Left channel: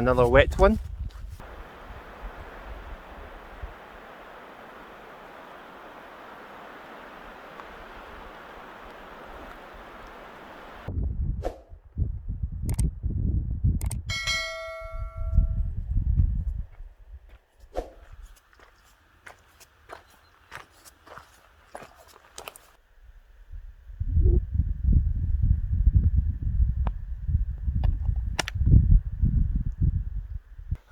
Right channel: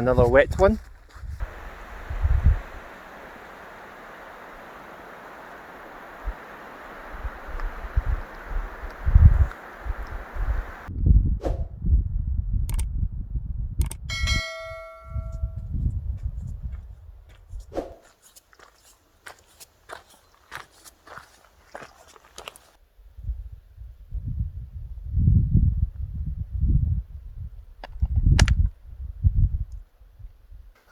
another wet one.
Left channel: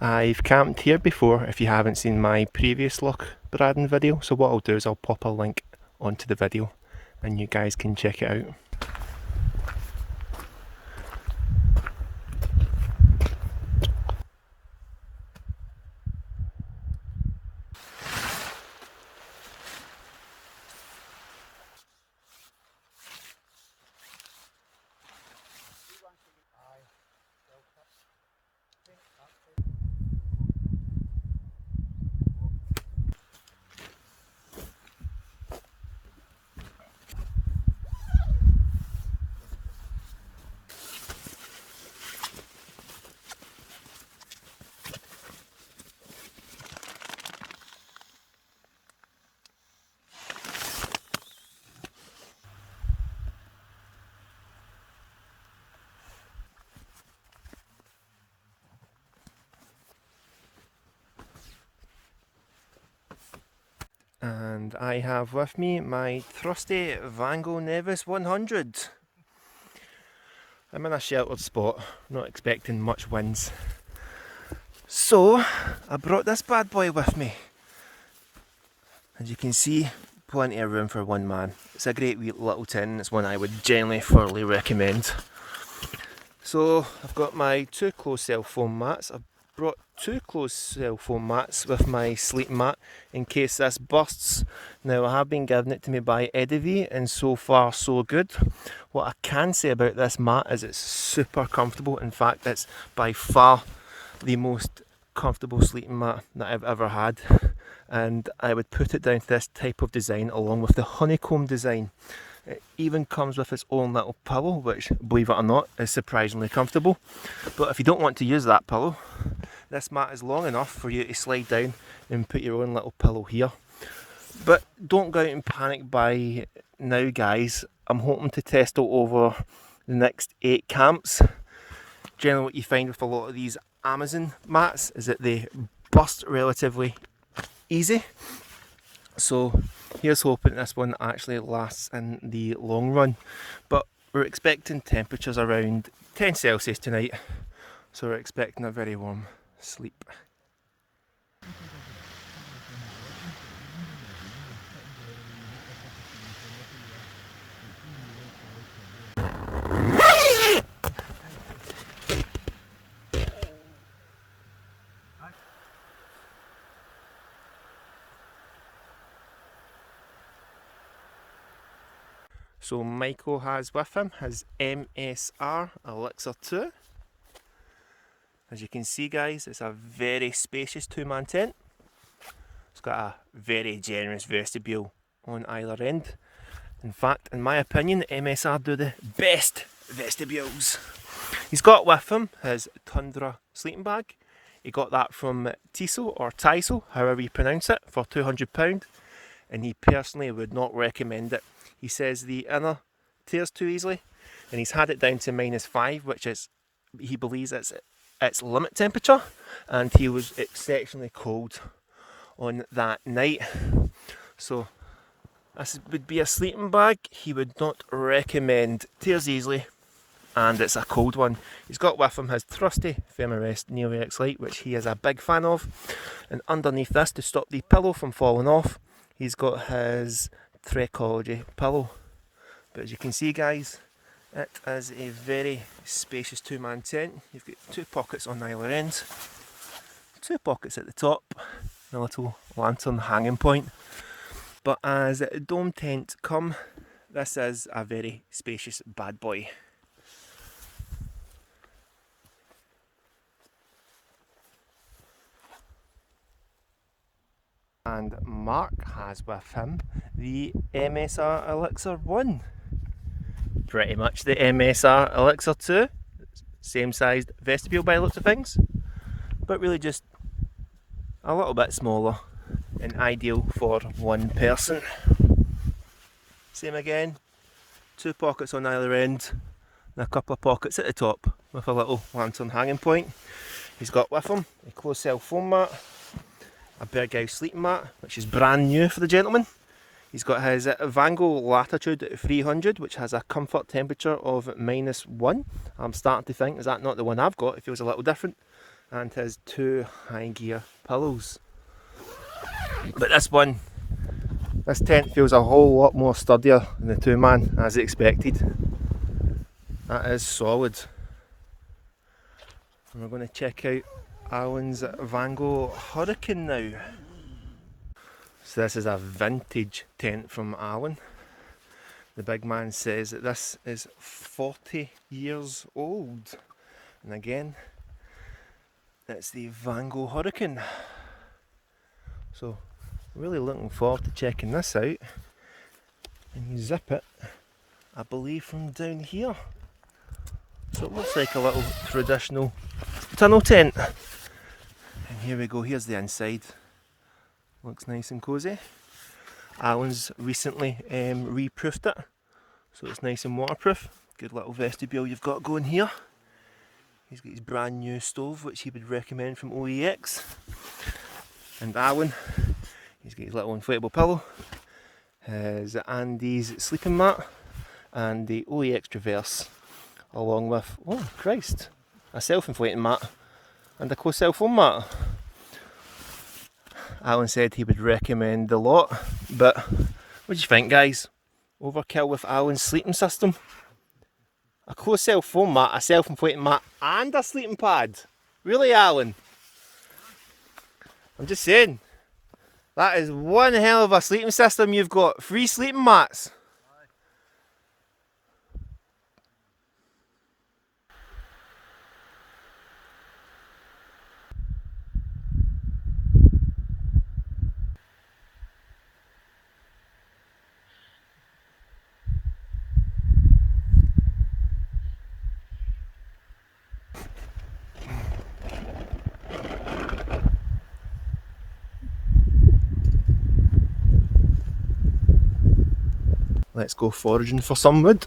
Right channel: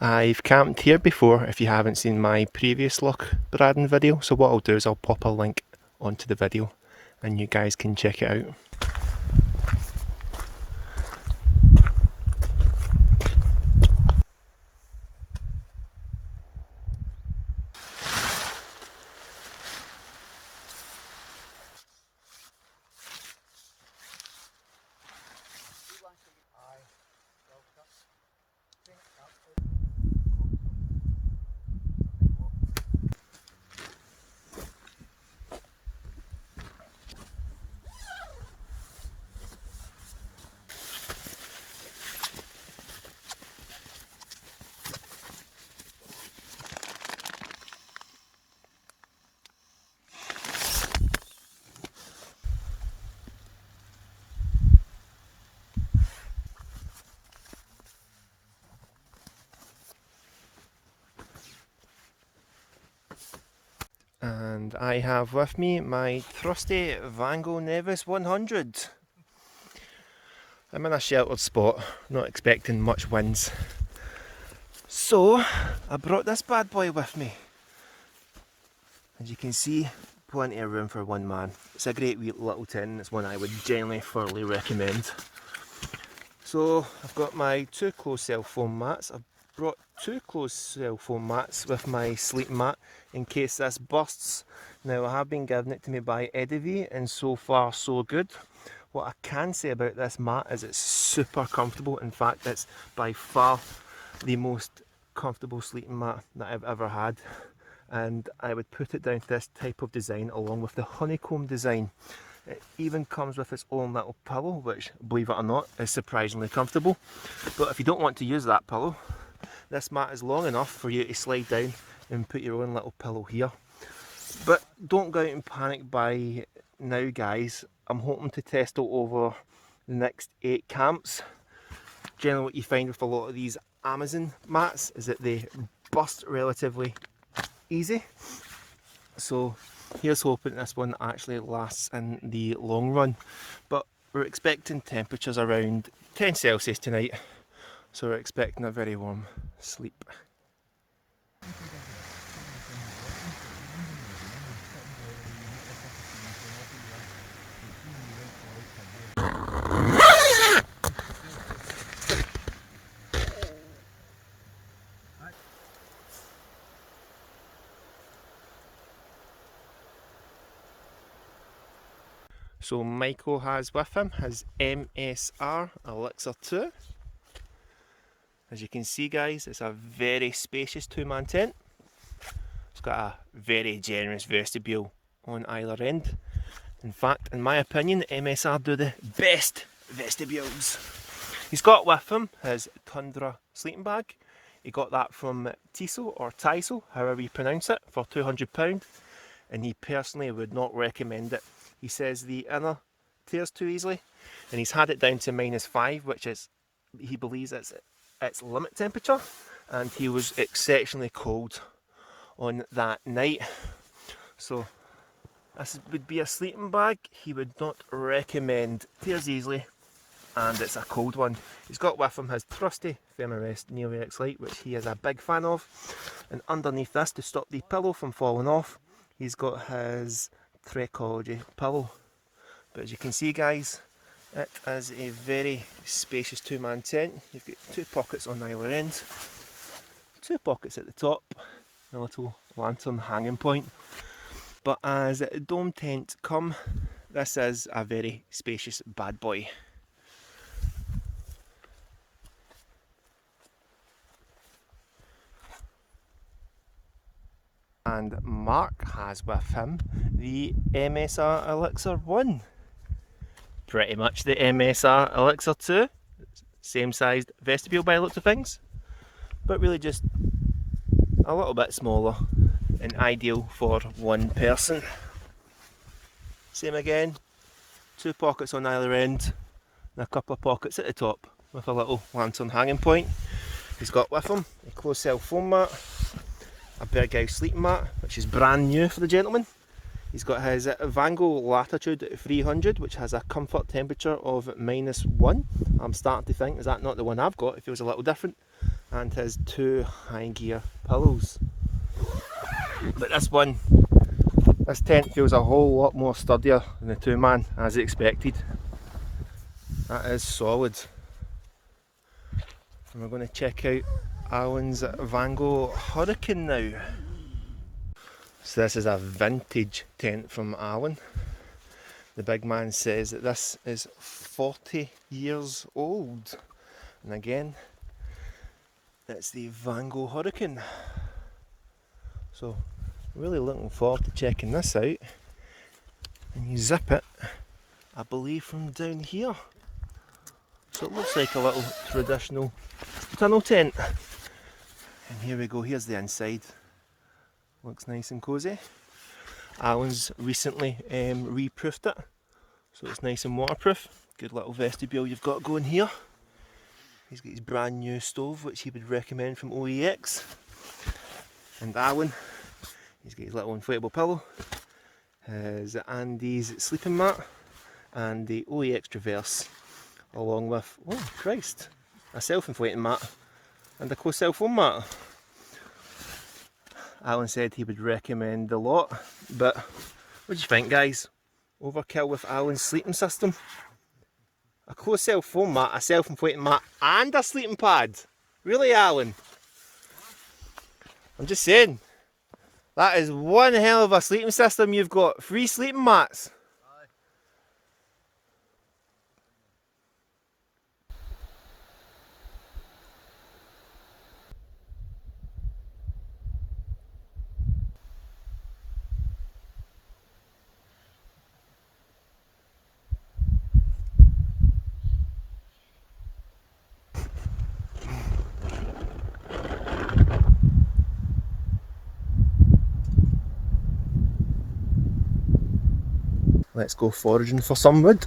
I've camped here before if you haven't seen my previous Loch Bradan video, so what I'll do is I'll pop a link onto the video and you guys can check it out. And I have with me my trusty Vango Nevis 100. I'm in a sheltered spot, not expecting much winds. So I brought this bad boy with me. As you can see, plenty of room for one man. It's a great wee little tin, it's one I would generally thoroughly recommend. So I've got my two closed cell foam mats. I've brought two closed cell foam mats with my sleeping mat in case this bursts. Now I have been given it to me by Eddie and so far so good. What I can say about this mat is it's super comfortable. In fact, it's by far the most comfortable sleeping mat that I've ever had, and I would put it down to this type of design along with the honeycomb design. It even comes with its own little pillow, which, believe it or not, is surprisingly comfortable. But if you don't want to use that pillow, this mat is long enough for you to slide down and put your own little pillow here. But don't go out and panic buy now, guys. I'm hoping to test it over the next 8 camps. Generally what you find with a lot of these Amazon mats is that they burst relatively easy. So here's hoping this one actually lasts in the long run. But we're expecting temperatures around 10 Celsius tonight. So we're expecting a very warm sleep. So Michael has with him his MSR Elixir 2. As you can see, guys, it's a very spacious 2-man tent. It's got a very generous vestibule on either end. In fact, in my opinion, the MSR do the best vestibules. He's got with him his Tundra sleeping bag. He got that from Tiso or Tiso, however you pronounce it, for £200, and he personally would not recommend it. He says the inner tears too easily, and he's had it down to -5, which is, he believes, its limit temperature, and he was exceptionally cold on that night. So this would be a sleeping bag he would not recommend. Tears easily, and it's a cold one. He's got with him his trusty Thermarest Neo X Lite, which he is a big fan of, and underneath this, to stop the pillow from falling off, he's got his Trekology pillow. But as you can see, guys, it is a very spacious 2-man tent. You've got 2 pockets on either end, 2 pockets at the top, a little lantern hanging point. But as dome tents come, this is a very spacious bad boy. And Mark has with him the MSR Elixir 1. Pretty much the MSR Elixir 2. Same sized vestibule by the looks of things. but really just a little bit smaller and ideal for one person. Same again, 2 pockets on either end and a couple of pockets at the top with a little lantern hanging point. He's got with him a closed cell foam mat, a big house sleeping mat, which is brand new for the gentleman. He's got his Vango Latitude 300, which has a comfort temperature of -1. I'm starting to think, is that not the one I've got? It feels a little different. And his 2 high gear pillows. But this tent feels a whole lot more sturdier than the 2-man, as expected. That is solid. And we're going to check out Alan's Vango Hurricane now. So this is a vintage tent from Alan. The big man says that this is 40 years old. And again, it's the Vango Hurricane. So really looking forward to checking this out. And you zip it, I believe, from down here. So it looks like a little traditional tunnel tent. And here we go, here's the inside. Looks nice and cosy. Alan's recently reproofed it, so it's nice and waterproof. Good little vestibule you've got going here. He's got his brand new stove, which he would recommend from OEX. And Alan, he's got his little inflatable pillow, his Andy's sleeping mat, and the OEX Traverse, along with, oh Christ, a self-inflating mat and a closed cell foam mat. Alan said he would recommend the lot, but what do you think, guys? Overkill with Alan's sleeping system? A closed cell foam mat, a self-inflating mat, and a sleeping pad? Really, Alan? I'm just saying, that is one hell of a sleeping system you've got. 3 sleeping mats. Let's go foraging for some wood.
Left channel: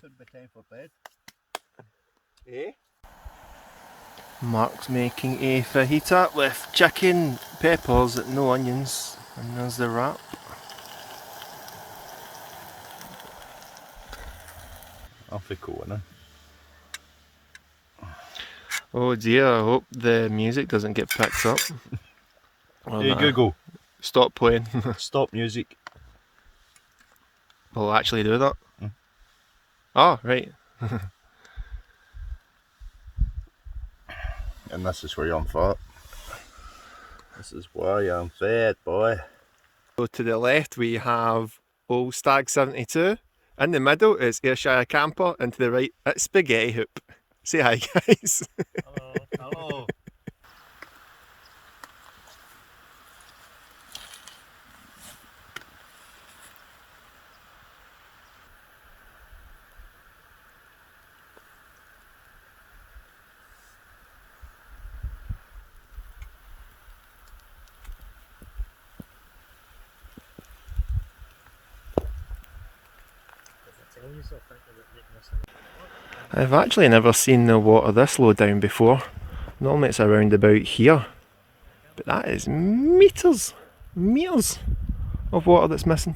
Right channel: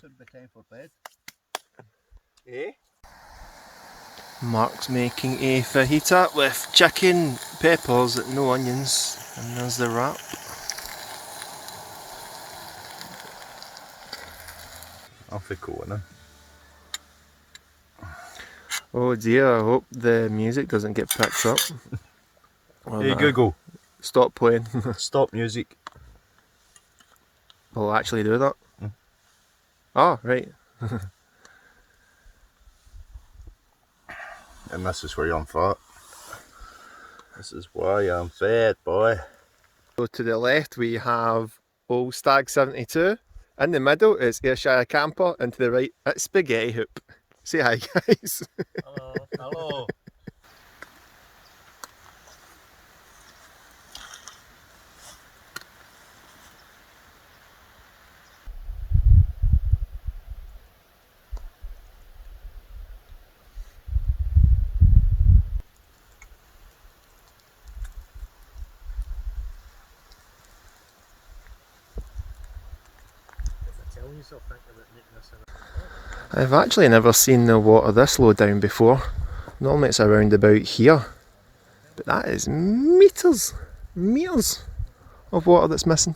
Should be time for bed. Eh? Mark's making a fajita with chicken, peppers, no onions, and there's the wrap. Off we go now. Oh dear, I hope the music doesn't get picked up. Or Hey that- Google, Stop playing. stop music. We'll actually do that. Mm. Oh, right. And this is where I'm fat. This is why I'm fat, boy. So to the left we have Old Stag 72. In the middle is Ayrshire Camper, and to the right it's Spaghetti Hoop. Say hi, guys. Hello. Hello. I've actually never seen the water this low down before. Normally it's around about here. But that is meters of water that's missing.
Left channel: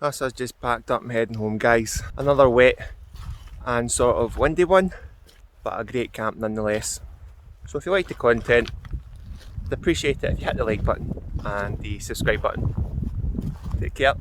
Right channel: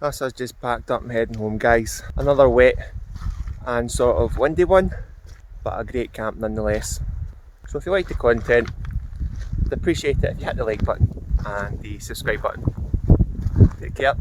That's us just packed up and heading home, guys. Another wet and sort of windy one, but a great camp nonetheless. So if you like the content, I'd appreciate it if you hit the like button and the subscribe button. Take care.